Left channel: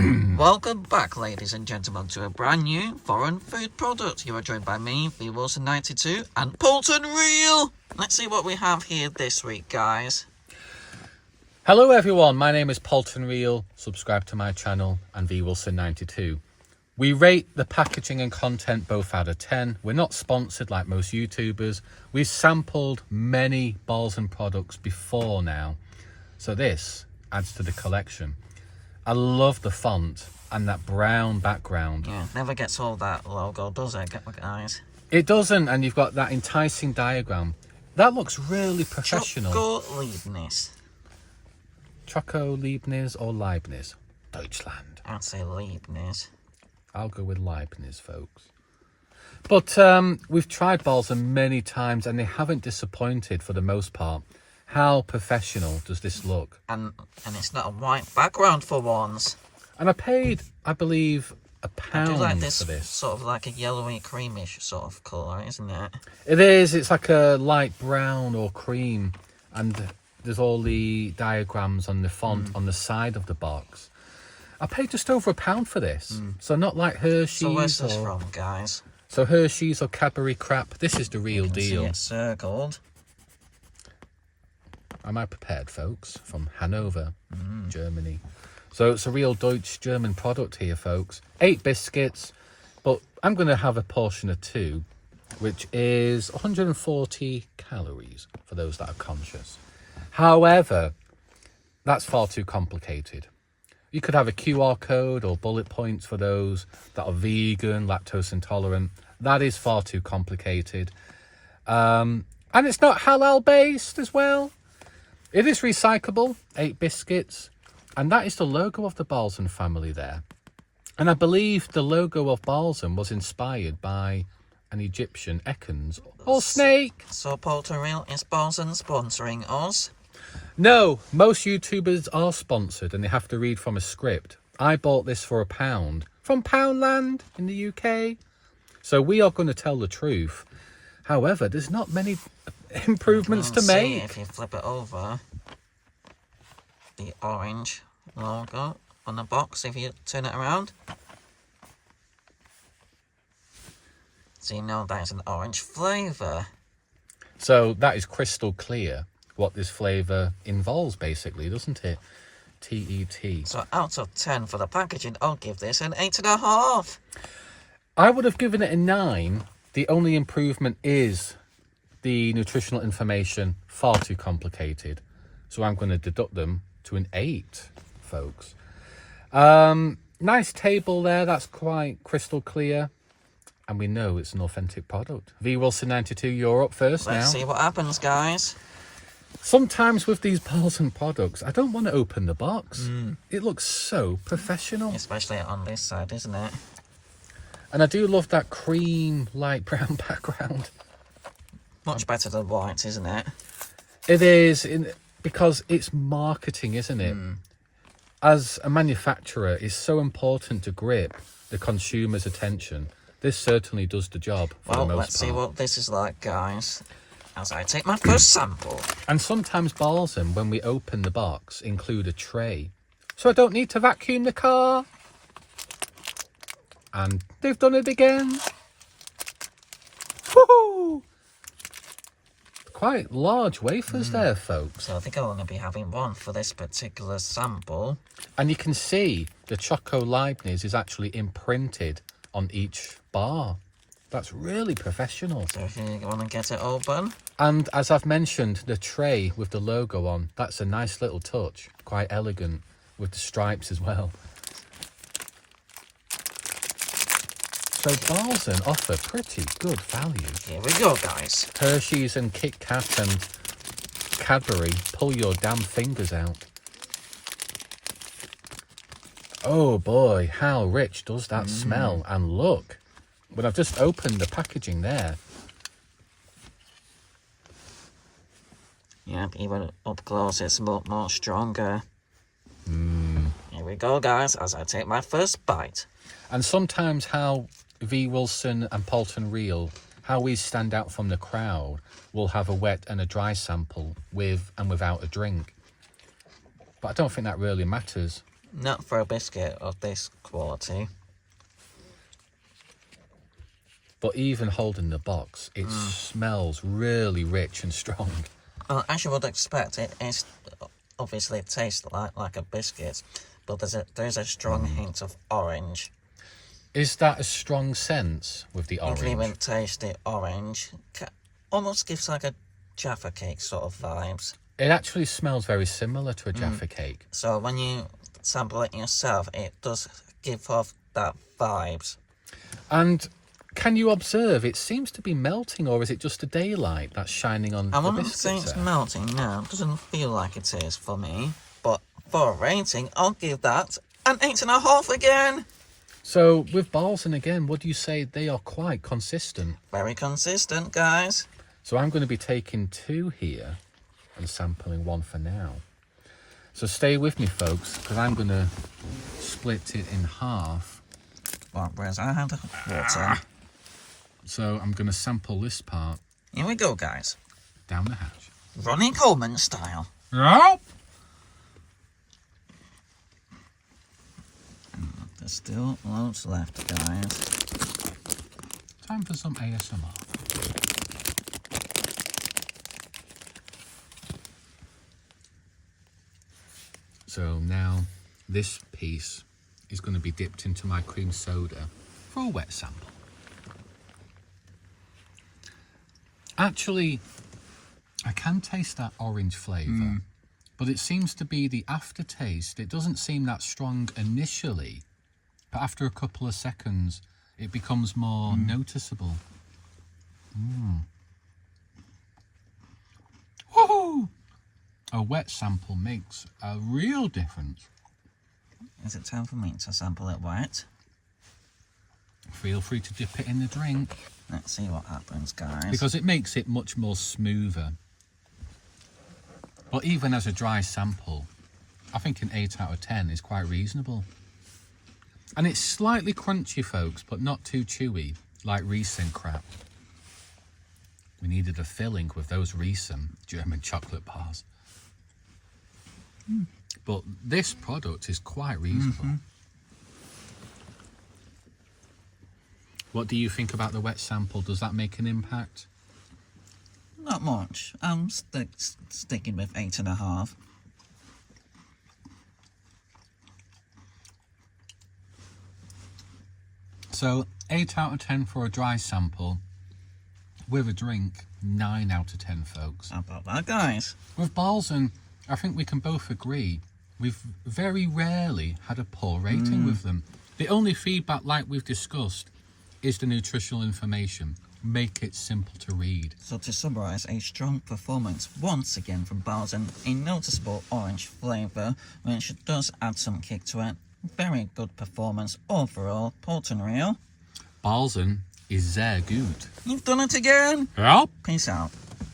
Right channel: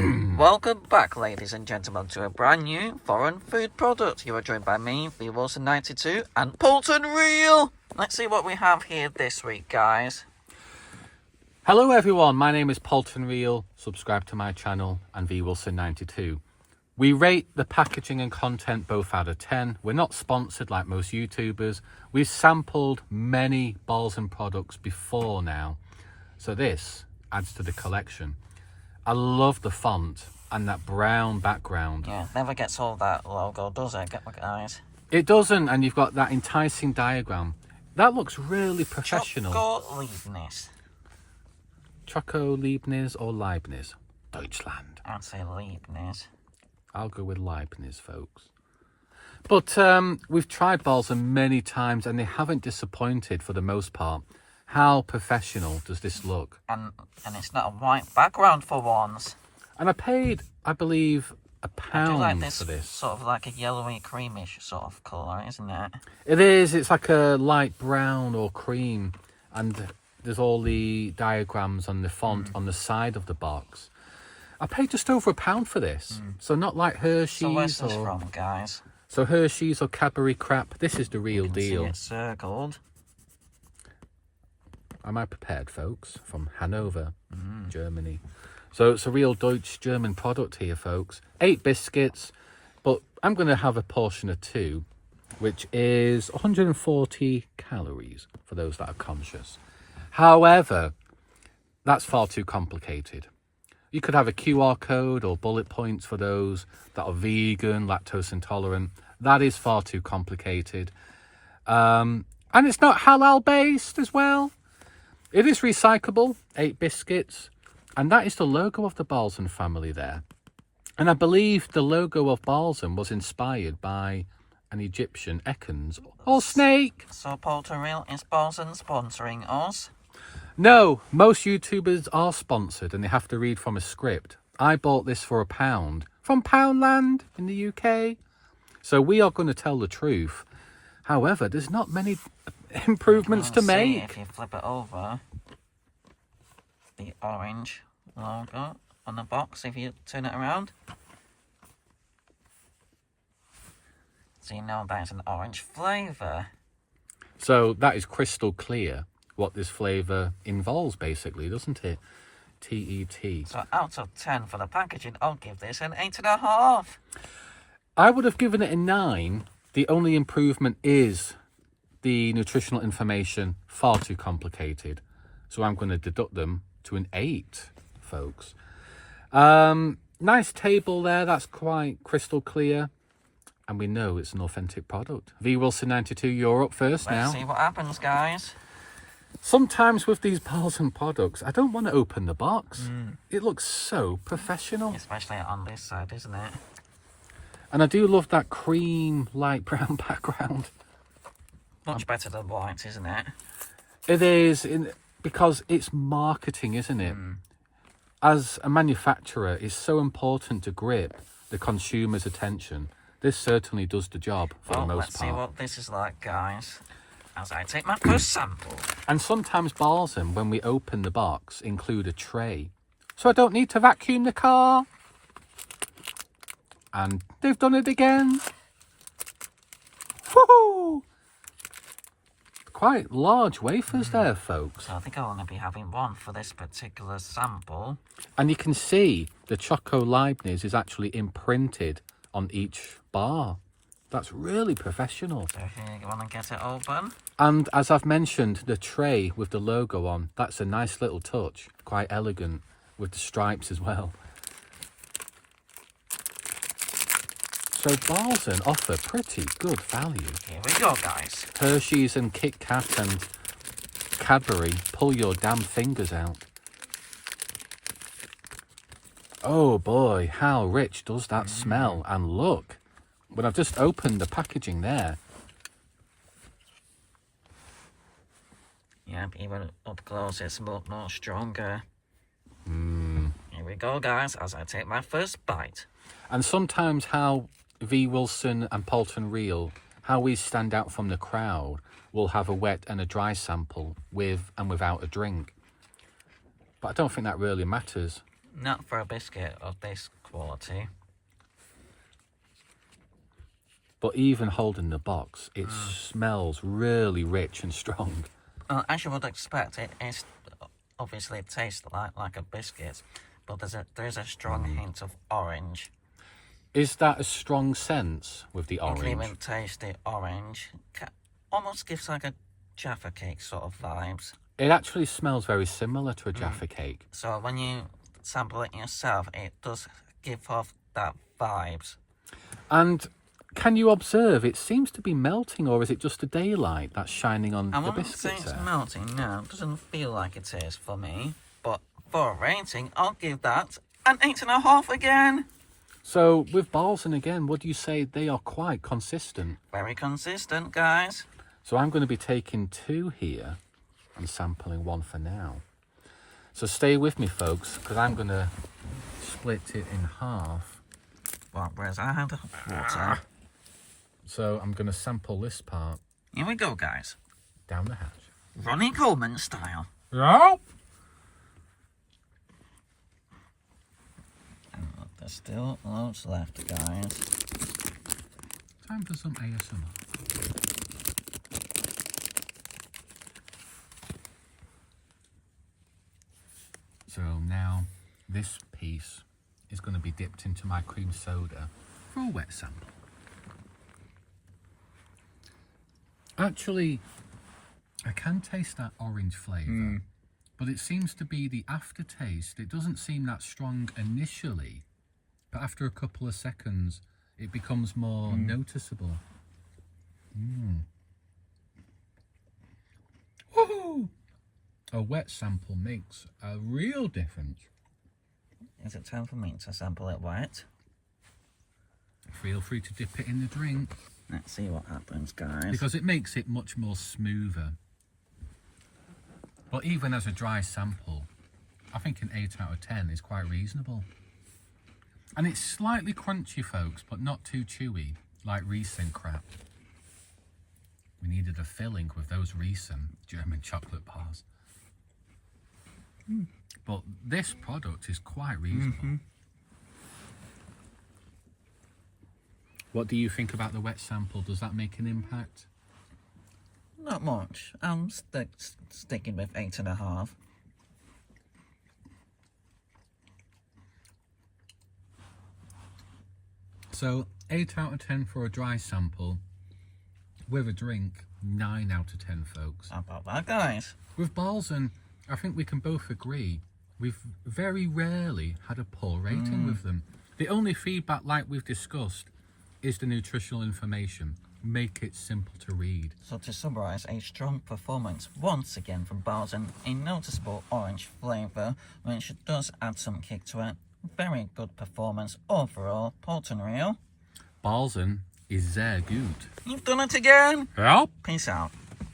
Welcome back, ladies and gentlemen, to a brand new foreign food product. You are joined by me, V Wilson 92, and Polton Real. Let's see what we have here this week, guys. Hello everyone, my name is Polton Real. Subscribe to my channel and V Wilson 92. We rate the packaging and content both out of 10. We're not sponsored like most YouTubers. We've sampled many balls and products before now, so this adds to the collection. I love the font and that brown background. Yeah, never gets all that logo, does it, guys? It doesn't, and you've got that enticing diagram. That looks really professional. Choco Leibniz or Leibniz? Deutschland. I'd say Leibniz. I'll go with Leibniz, folks. But we've tried Balsam many times and they haven't disappointed for the most part. How professional does this look? And it's not a white background for once. And I paid, I believe, £1 I do like this, for this. Sort of like a yellowy, creamish sort of colour, isn't it? It is. It's like a light brown or cream. And there's all the diagrams and the font on the side of the box. I paid just over £1 for this. So not like Hershey's. So where's this from, guys? So Hershey's or Cadbury crap. This is the real deal. See it's circled. Am I prepared, folks? From Hanover, Germany. So it's a real Deutsch-German product here, folks. 8 biscuits, but I'm going to have a portion of 2, which is 140 calories for those that are conscious. However, that's far too complicated. You could have a QR code or bullet points for those that are vegan, lactose intolerant. That is far too complicated. And it's not halal-based as well. It is recyclable, 8 biscuits, and that is the logo of the Balsam family there. And I believe the logo of Balsam was inspired by an Egyptian Ekans or snake. So Polton Real, is Balsam sponsoring us? No, most YouTubers are sponsored and they have to read from a script. I bought this for £1 from Poundland in the UK. So we are going to tell the truth. However, there's not many improvements to make. If you flip it over, the orange logo on the box, if you turn it around, so you know that's an orange flavour. So that is crystal clear what this flavour involves, basically, doesn't it? TET. So out of 10 for the packaging, I'll give this an 8.5. I would have given it a 9. The only improvement is the nutritional information, far too complicated. So I'm going to deduct them to an 8, folks. Nice table there. That's quite crystal clear. And we know it's an authentic product. V Wilson 92, you're up first now. Let's see what happens, guys. Sometimes with these Balsam products, I don't want to open the box. It looks so professional. Especially on this side, isn't it? And I do love that cream, light brown background. Much better than white, isn't it? It is, because it's marketing, isn't it? As a manufacturer, it's so important to grip the consumer's attention. This certainly does the job for the most part. Let's see what this is like, guys, as I take my first sample. And sometimes Balsam, when we open the box, include a tray. So I don't need to vacuum the car. And they've done it again. Woohoo! Quite large wafers there, folks. So I think I'll only be having one for this particular sample. And you can see the Choco Leibniz is actually imprinted on each bar. That's really professional. So if you want to get it open. And as I've mentioned, the tray with the logo on, that's a nice little touch. Quite elegant with the stripes as well. So Balsam offer pretty good value. Here we go, guys. Hershey's and Kit Kat and Cadbury, pull your damn fingers out. Oh boy, how rich does that smell? And look, when I've just opened the packaging there. Yeah, even up close it's more stronger. Here we go, guys, as I take my first bite. And sometimes how V Wilson and Polton Real, how we stand out from the crowd, will have a wet and a dry sample with and without a drink. But I don't think that really matters. Not for a biscuit of this quality. But even holding the box, it smells really rich and strong. Well, as you would expect, it is obviously it tastes like a biscuit, but there's a strong hint of orange. Is that a strong sense with the You orange? can even taste the orange. Almost gives like a Jaffa cake sort of vibes. It actually smells very similar to a Jaffa cake. So when you sample it yourself, it does give off that vibes. And can you observe, it seems to be melting, or is it just the daylight that's shining on I the wouldn't say biscuits it's there? melting, no. It doesn't feel like it is for me. But for a rating, I'll give that an 8.5 again. So with Balzen again, what do you say? They are quite consistent. Very consistent, guys. So I'm going to be taking 2 here and sampling 1 for now. So stay with me, folks, because I'm going to split it in half. Well, where's I had water? So I'm going to sample this part Here we go, guys. down the hatch. Ronnie Coleman style. Yep. There's still loads left, guys. Time for some ASMR. So now this piece is going to be dipped into my cream soda for a wet sample. Actually, I can taste that orange flavour, but it seems to be the aftertaste. It doesn't seem that strong initially, but after a couple of seconds, it becomes more noticeable. Woohoo! A wet sample makes a real difference. Is it time for me to sample it wet? Feel free to dip it in the drink, Let's see what happens, guys. because it makes it much more smoother. But even as a dry sample, I think an 8 out of 10 is quite reasonable. And it's slightly crunchy, folks, but not too chewy, like Riesen crap. We needed a filling with those Riesen German chocolate bars. But this product is quite reasonable. What do you think about the wet sample? Does that make an impact? Not much. I'm sticking with 8.5. So 8 out of 10 for a dry sample. With a drink, 9 out of 10, folks. How about that, guys? With Balzen, I think we can both agree we've very rarely had a poor rating with them. The only feedback, like we've discussed, is the nutritional information. Make it simple to read. So to summarise, a strong performance once again from Balzen, a noticeable orange flavour, which does add some kick to it. Very good performance overall. Poulton Real. Balzen is sehr gut. You've done it again. Yep. Peace out.